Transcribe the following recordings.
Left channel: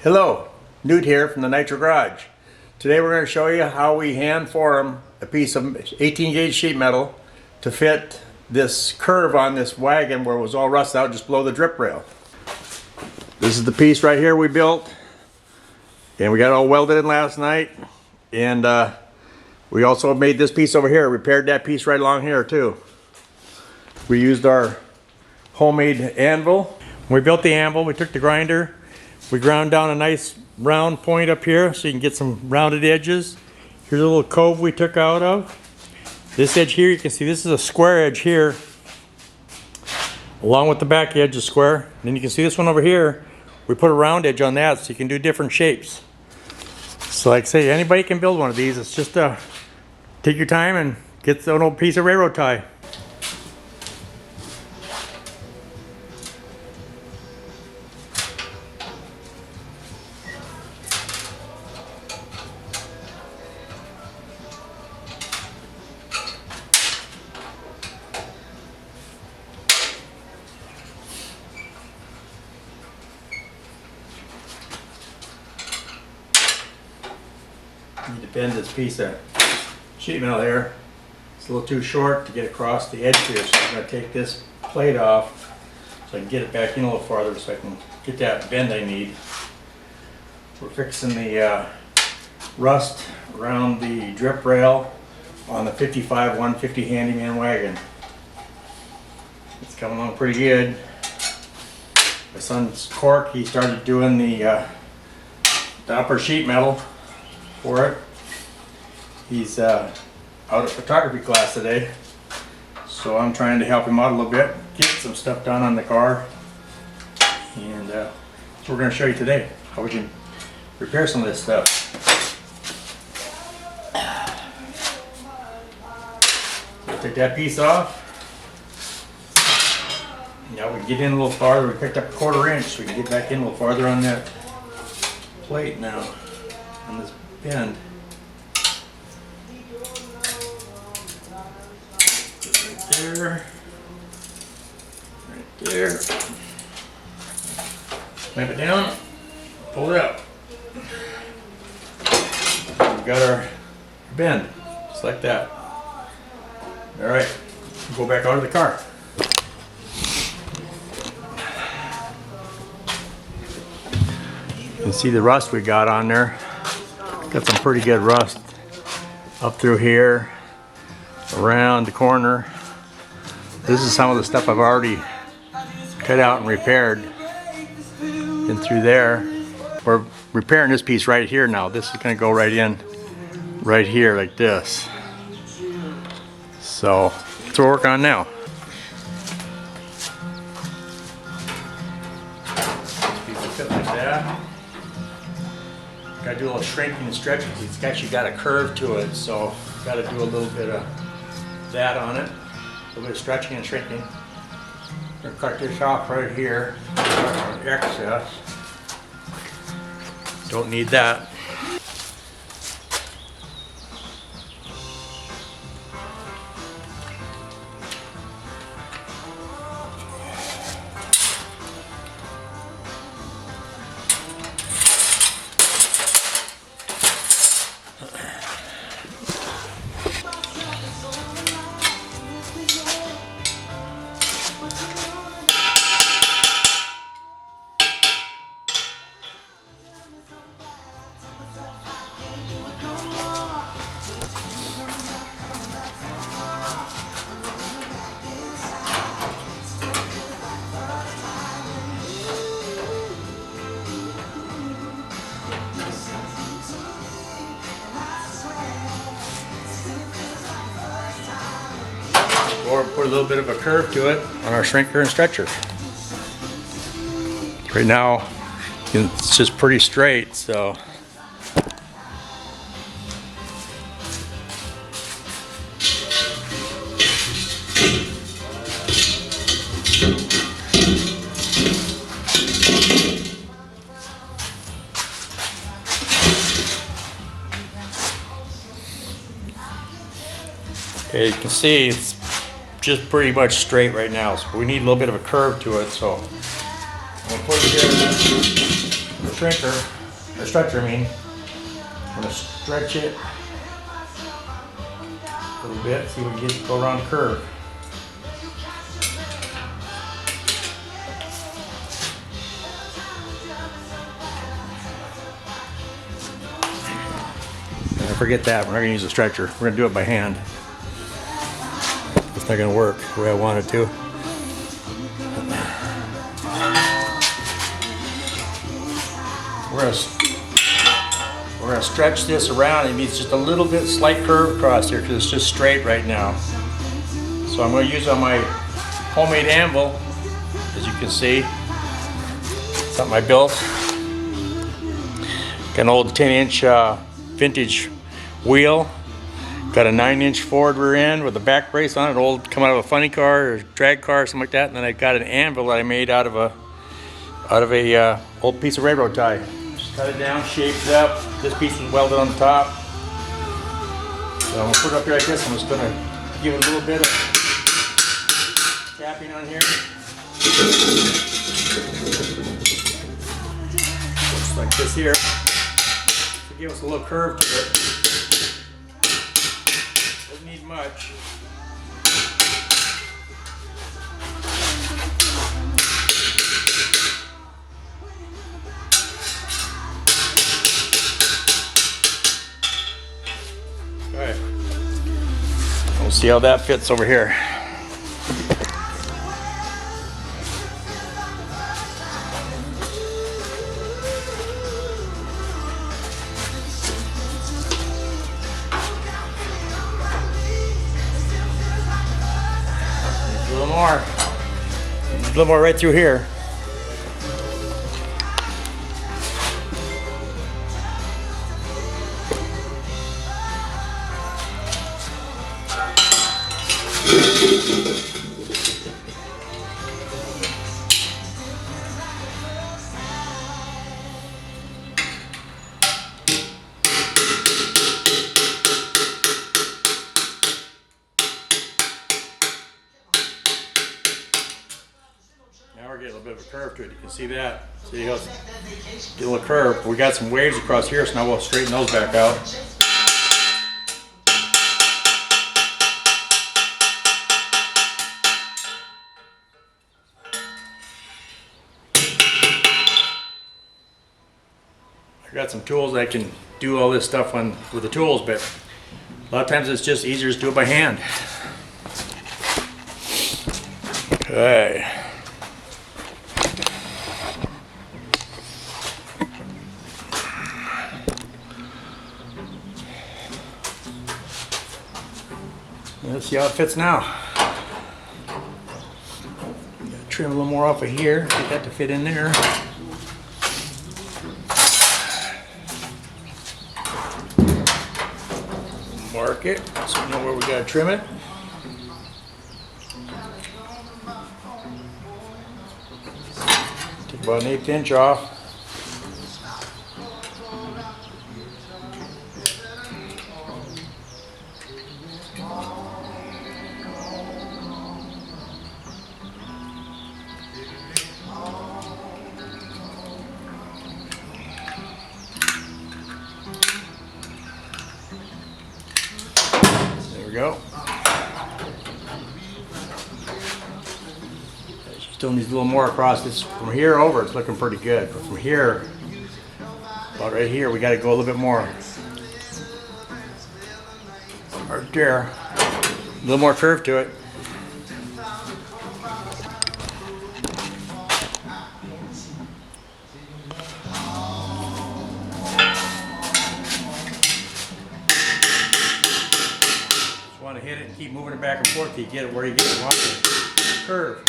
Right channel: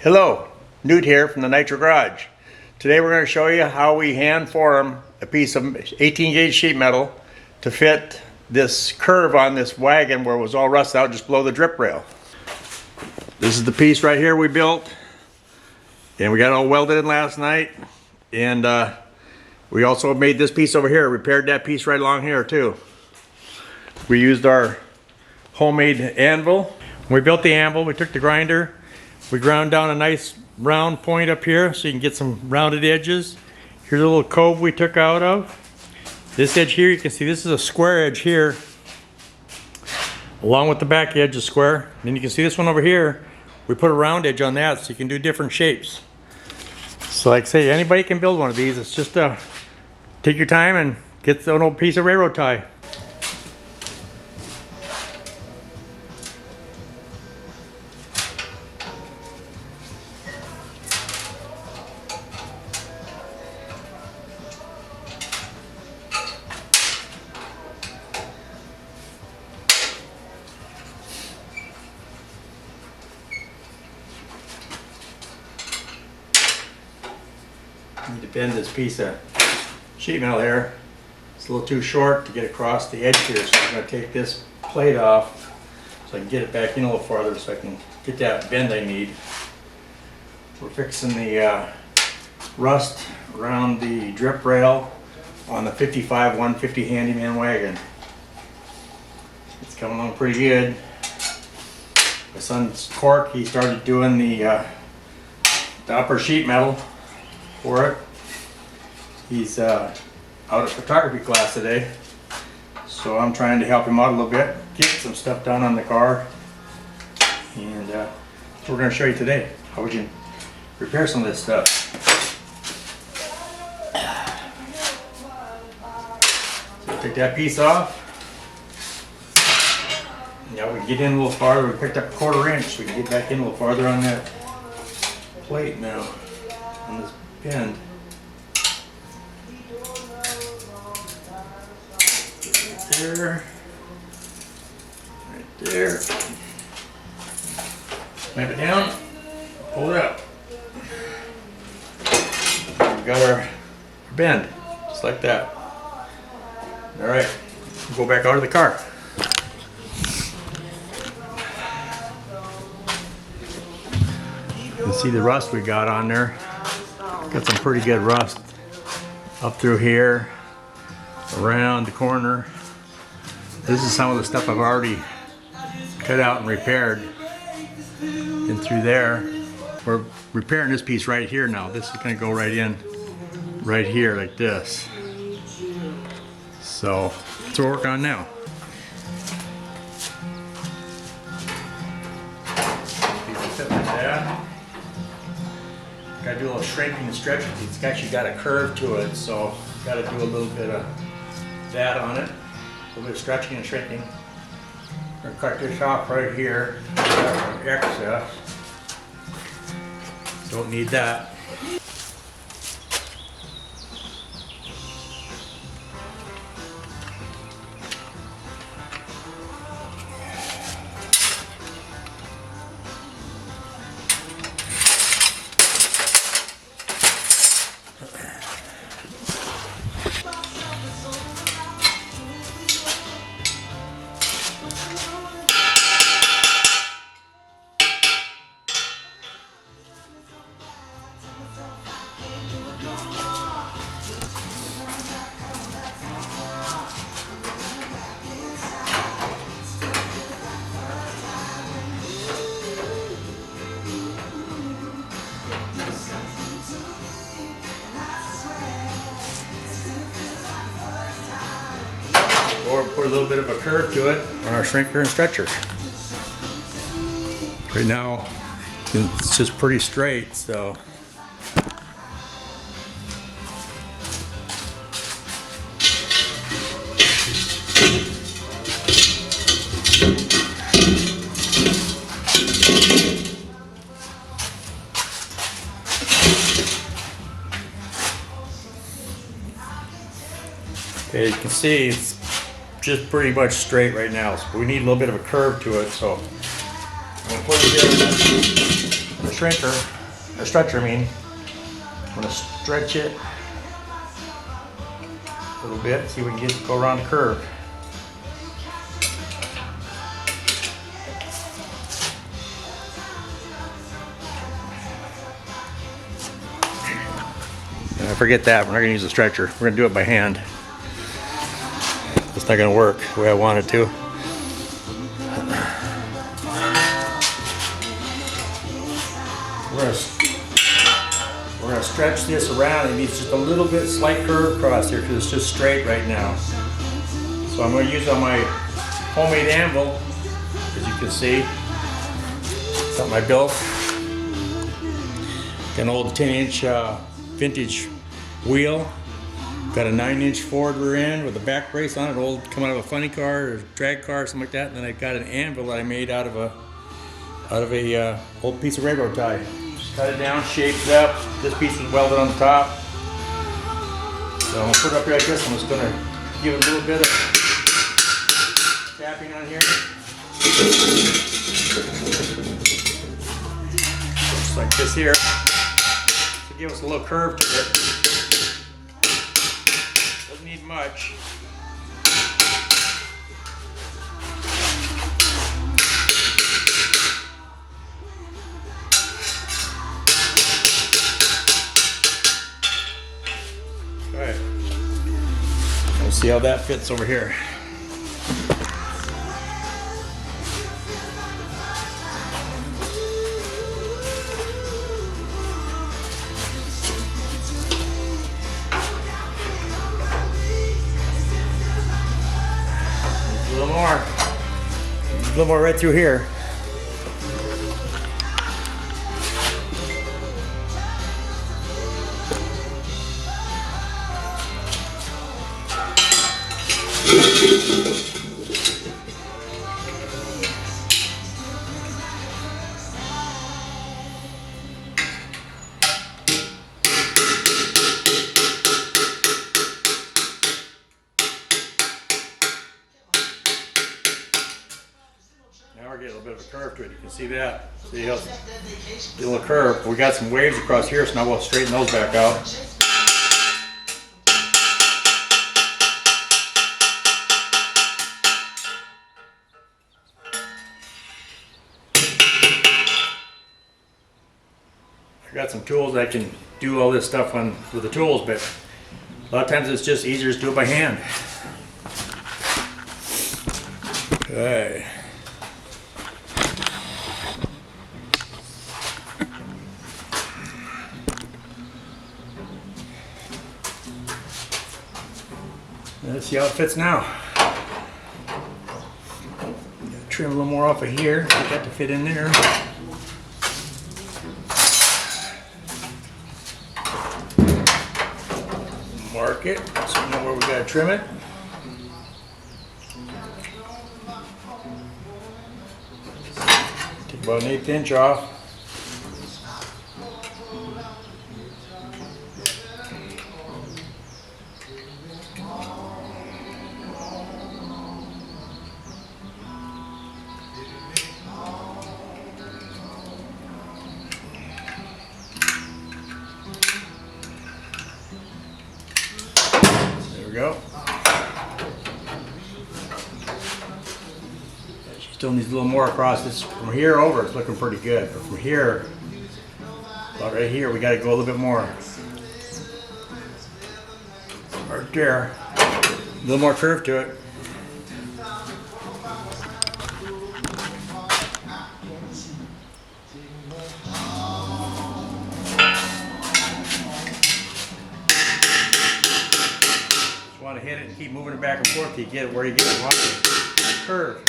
Hello, Newt here from the Nitro Garage. Today we're going to show you how we hand form a piece of 18 gauge sheet metal to fit this curve on this wagon where it was all rusted out just below the drip rail. This is the piece right here we built, and we got it all welded in last night, and we also made this piece over here, repaired that piece right along here too. We used our homemade anvil. When we built the anvil, we took the grinder, we ground down a nice round point up here so you can get some rounded edges. Here's a little cove we took out of. This edge here, you can see this is a square edge here, along with the back edge is square. And then you can see this one over here, we put a round edge on that so you can do different shapes. So like I say, anybody can build one of these. It's just take your time and get an old piece of railroad tie. You need to bend this piece of sheet metal here. It's a little too short to get across the edge here, so I'm going to take this plate off so I can get it back in a little farther so I can get that bend I need. We're fixing the rust around the drip rail on the 55-150 Handyman wagon. It's coming along pretty good. My son's Cork, he started doing the upper sheet metal for it. He's out of photography class today, so I'm trying to help him out a little bit, get some stuff done on the car, and so we're going to show you today how we can repair some of this stuff. So take that piece off. Now we can get in a little farther. We picked up a 1/4 inch. We can get back in a little farther on that plate now, on this bend. Right there. Right there. Clamp it down. Pull it up. We've got our bend, just like that. All right, go back out of the car. You can see the rust we got on there. Got some pretty good rust up through here, around the corner. This is some of the stuff I've already cut out and repaired. And through there, we're repairing this piece right here now. This is going to go right in, right here like this. So that's what we're working on now. Piece will fit like that. Got to do a little shrinking and stretching. It's actually got a curve to it, so got to do a little bit of that on it. A little bit of stretching and shrinking. We're going to cut this off right here. Excess. Don't need that. Or put a little bit of a curve to it on our shrinker and stretcher. Right now, it's just pretty straight, so. Okay, you can see it's just pretty much straight right now, so we need a little bit of a curve to it. So I'm gonna put it here in the shrinker, or stretcher I mean. I'm gonna stretch it a little bit, see if we can get it to go around the curve. And I forget that, we're not gonna use a stretcher, we're gonna do it by hand. It's not gonna work the way I want it to. We're gonna stretch this around. It needs just a little bit slight curve across here because it's just straight right now. So I'm gonna use on my homemade anvil, as you can see. Something I built. Got an old 10-inch vintage wheel. Got a 9-inch Ford rear end with a back brace on it, old come out of a funny car or drag car or something like that. And then I got an anvil that I made out of a old piece of railroad tie. Just cut it down, shaped it up. This piece was welded on the top. So I'm gonna put it up here like this. I'm just gonna give it a little bit of tapping on here. Just like this here. So give us a little curve to it. Doesn't need much. Okay. We'll see how that fits over here. A little more. A little more right through here. Now we're getting a little bit of a curve to it. You can see that. See how it's get a little curve. We got some waves across here, so now we'll straighten those back out. I got some tools that can do all this stuff with the tools, but a lot of times it's just easier to do it by hand. Okay. Let's see how it fits now. Gotta trim a little more off of here, get that to fit in there. Mark it so we know where we gotta trim it. Take about an 1/8 inch off. There we go. She still needs a little more across this. From here over, it's looking pretty good. But from here, about right here, we got to go a little bit more. Right there. A little more curve to it. Want to hit it and keep moving it back and forth till you get it where you get it. Watch it. Curve.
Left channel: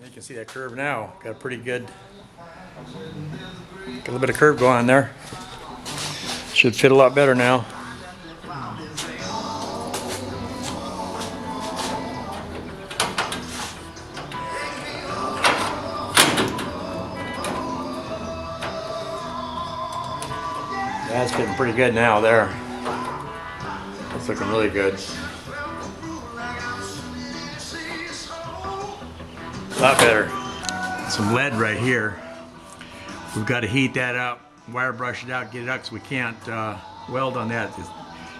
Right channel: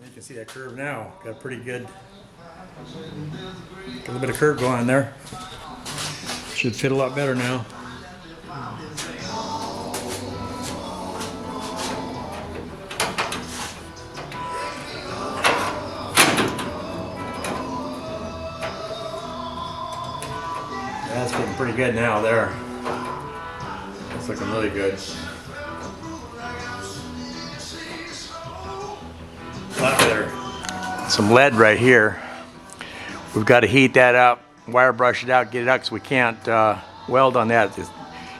You can see that curve now. Got a pretty good, got a little bit of curve going on there. Should fit a lot better now. pretty good now there. It's looking really good. A lot better. Some lead right here. We've got to heat that up, wire brush it out, get it out, because we can't weld on that.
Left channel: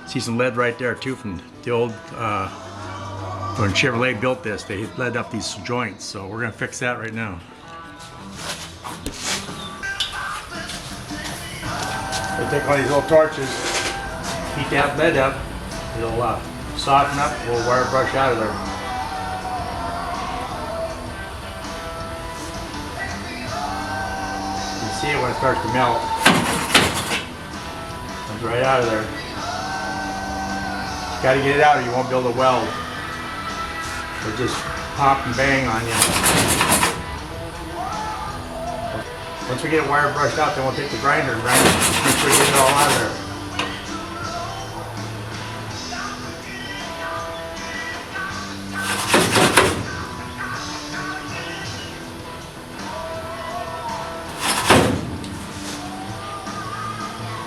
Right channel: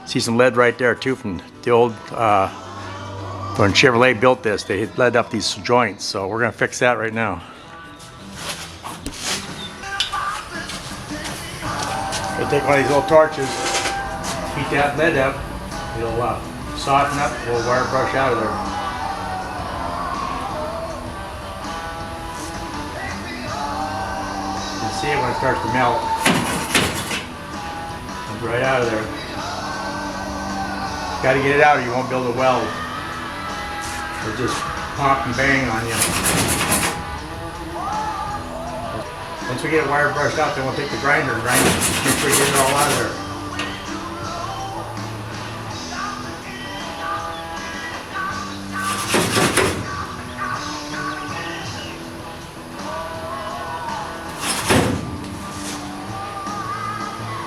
See some lead right there too from the old, when Chevrolet built this, they had lead up these joints, so we're going to fix that right now. We'll take one of these little torches, heat that lead up, it'll soften up, we'll wire brush out of there. You see it when it starts to melt. Comes right out of there. You got to get it out or you won't be able to weld. It'll just pop and bang on you. Once we get it wire brushed out, then we'll take the grinder and grind it. Make sure we get it all out of there.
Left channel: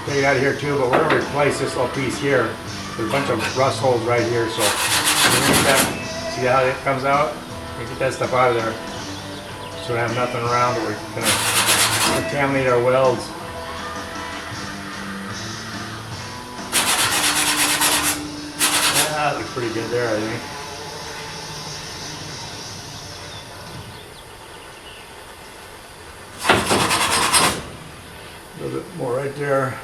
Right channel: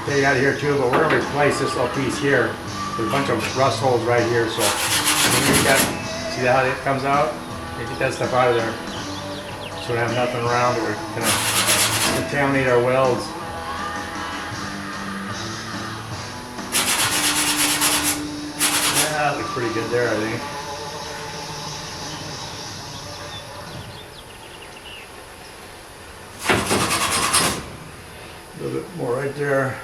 Take it out of here too, but we're going to replace this little piece here. There's a bunch of rust holes right here, so get that, see how it comes out? Get that stuff out of there. So we don't have nothing around or we're going to contaminate our welds. That looks pretty good there, I think. A little bit more right there.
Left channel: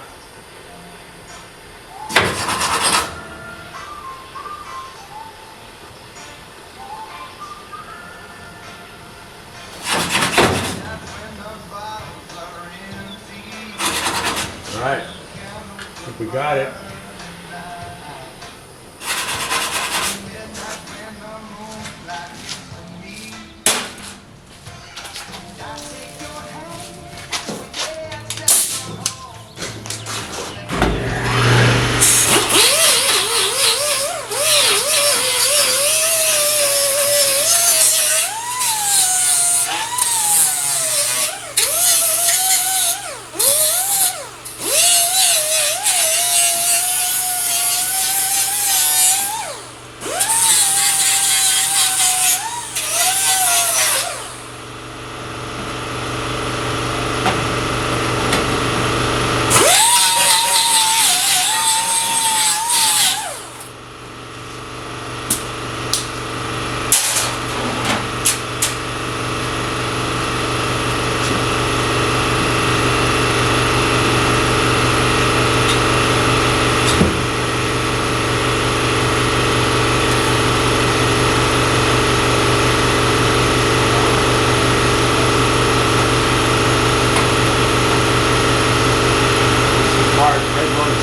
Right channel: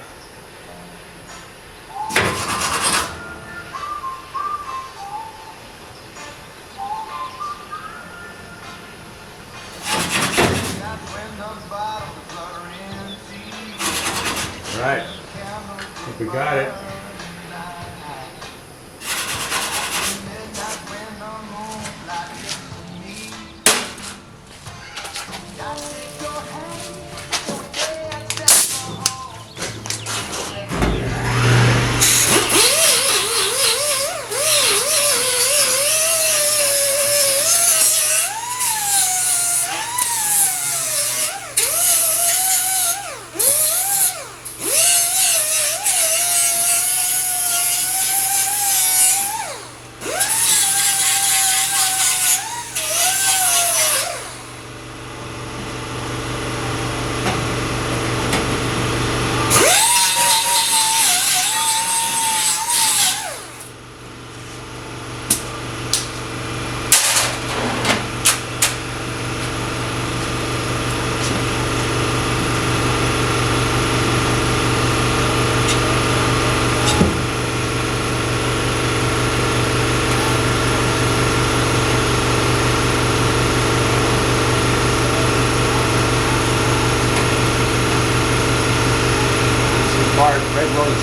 All right, I think we got it.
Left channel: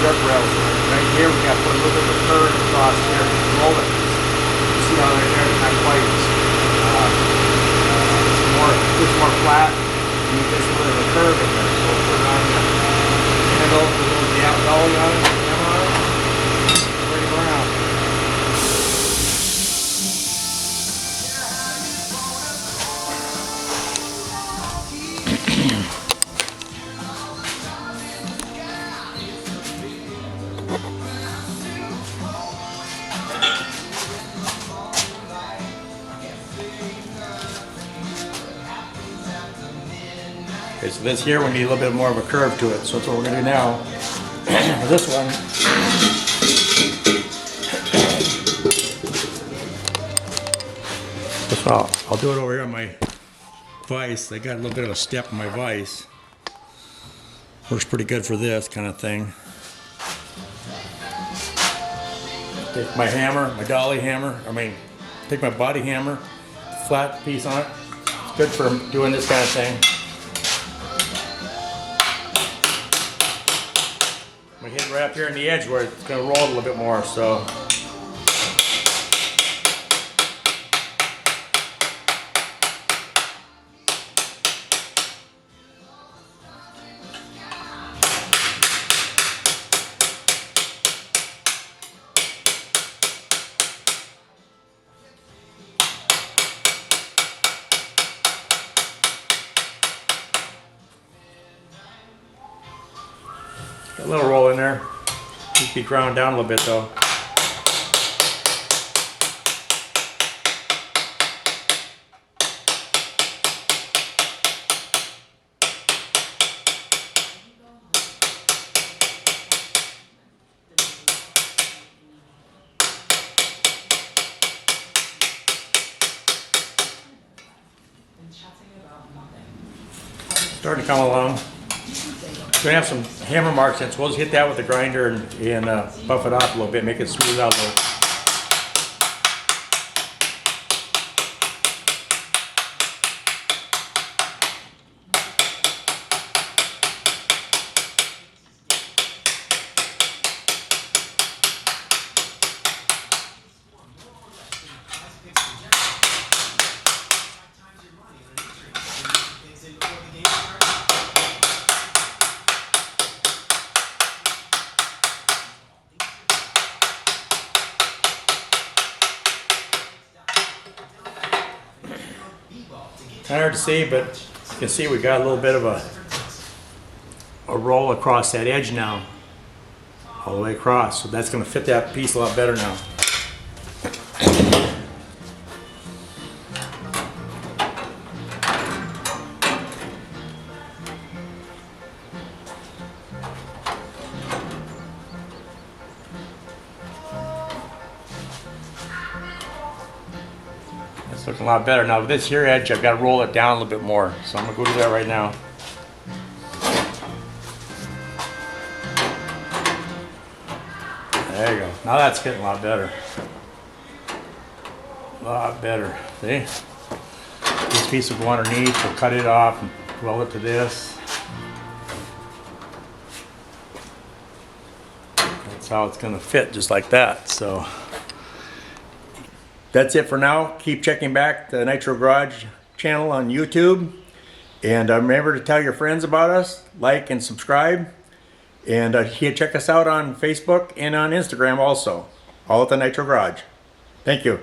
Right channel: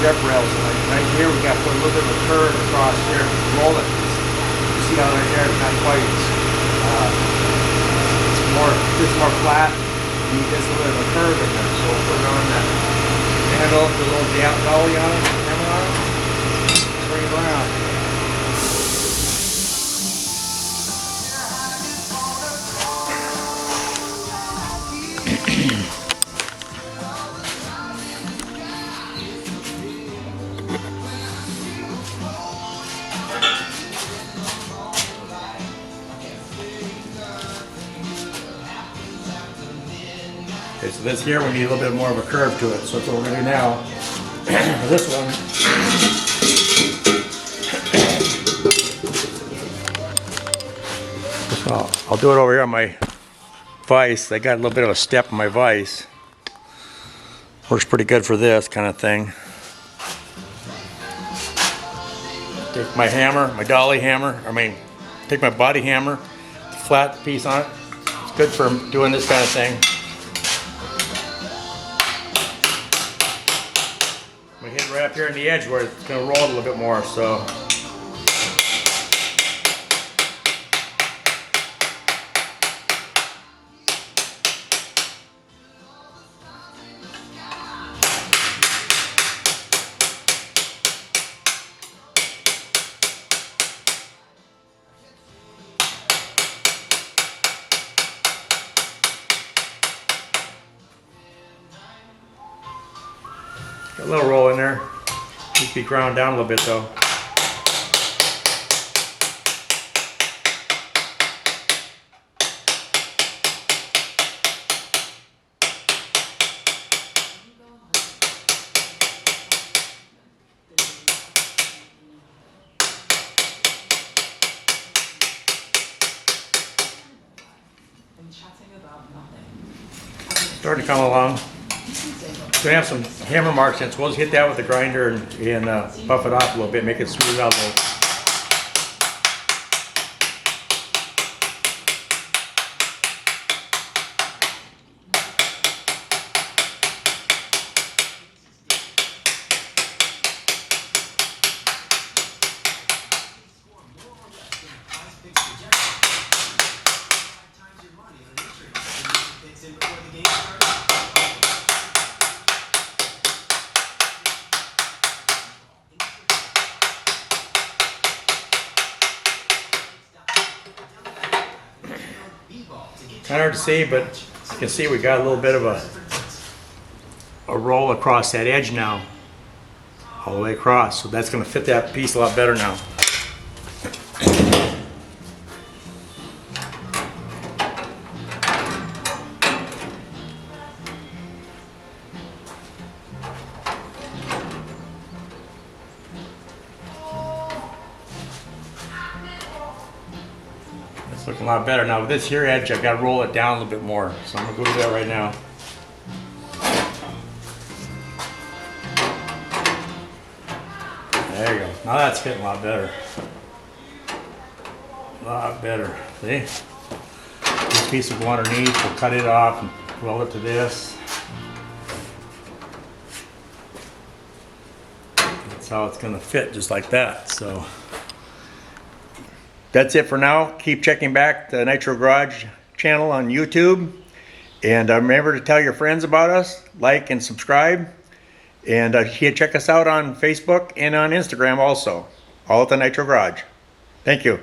Trip rails right here. We got to put a little bit of a curve across here. Roll it. You see how right there? Not quite. It's more flat. You need just a little bit of a curve in there. So we'll put it on the handle, put a little down dolly on it, hammer on it, bring it around. Okay, so this here we need a little bit more of a curve to it, so that's what we're going to do now. For this one, so I'll do it over here on my vise. I got a little bit of a step on my vise. Works pretty good for this kind of thing. Take my hammer, my dolly hammer, take my body hammer, flat piece on it. It's good for doing this kind of thing. I'm gonna hit right up here on the edge where it's gonna roll a little bit more, so. A little roll in there. Needs to be ground down a little bit though. Starting to come along. Gonna have some hammer marks in, so we'll just hit that with the grinder and buff it off a little bit, make it smooth out a little. Kind of hard to see, but you can see we got a little bit of a roll across that edge now, all the way across. So that's going to fit that piece a lot better now. It's looking a lot better. Now with this here edge, I've got to roll it down a little bit more. So I'm going to go do that right now. There you go. Now that's getting a lot better. A lot better. See? This piece will go underneath. We'll cut it off and weld it to this. That's how it's going to fit, just like that. So that's it for now. Keep checking back the Nitro Garage channel on YouTube. And remember to tell your friends about us, like and subscribe. And check us out on Facebook and on Instagram also. All at the Nitro Garage. Thank you.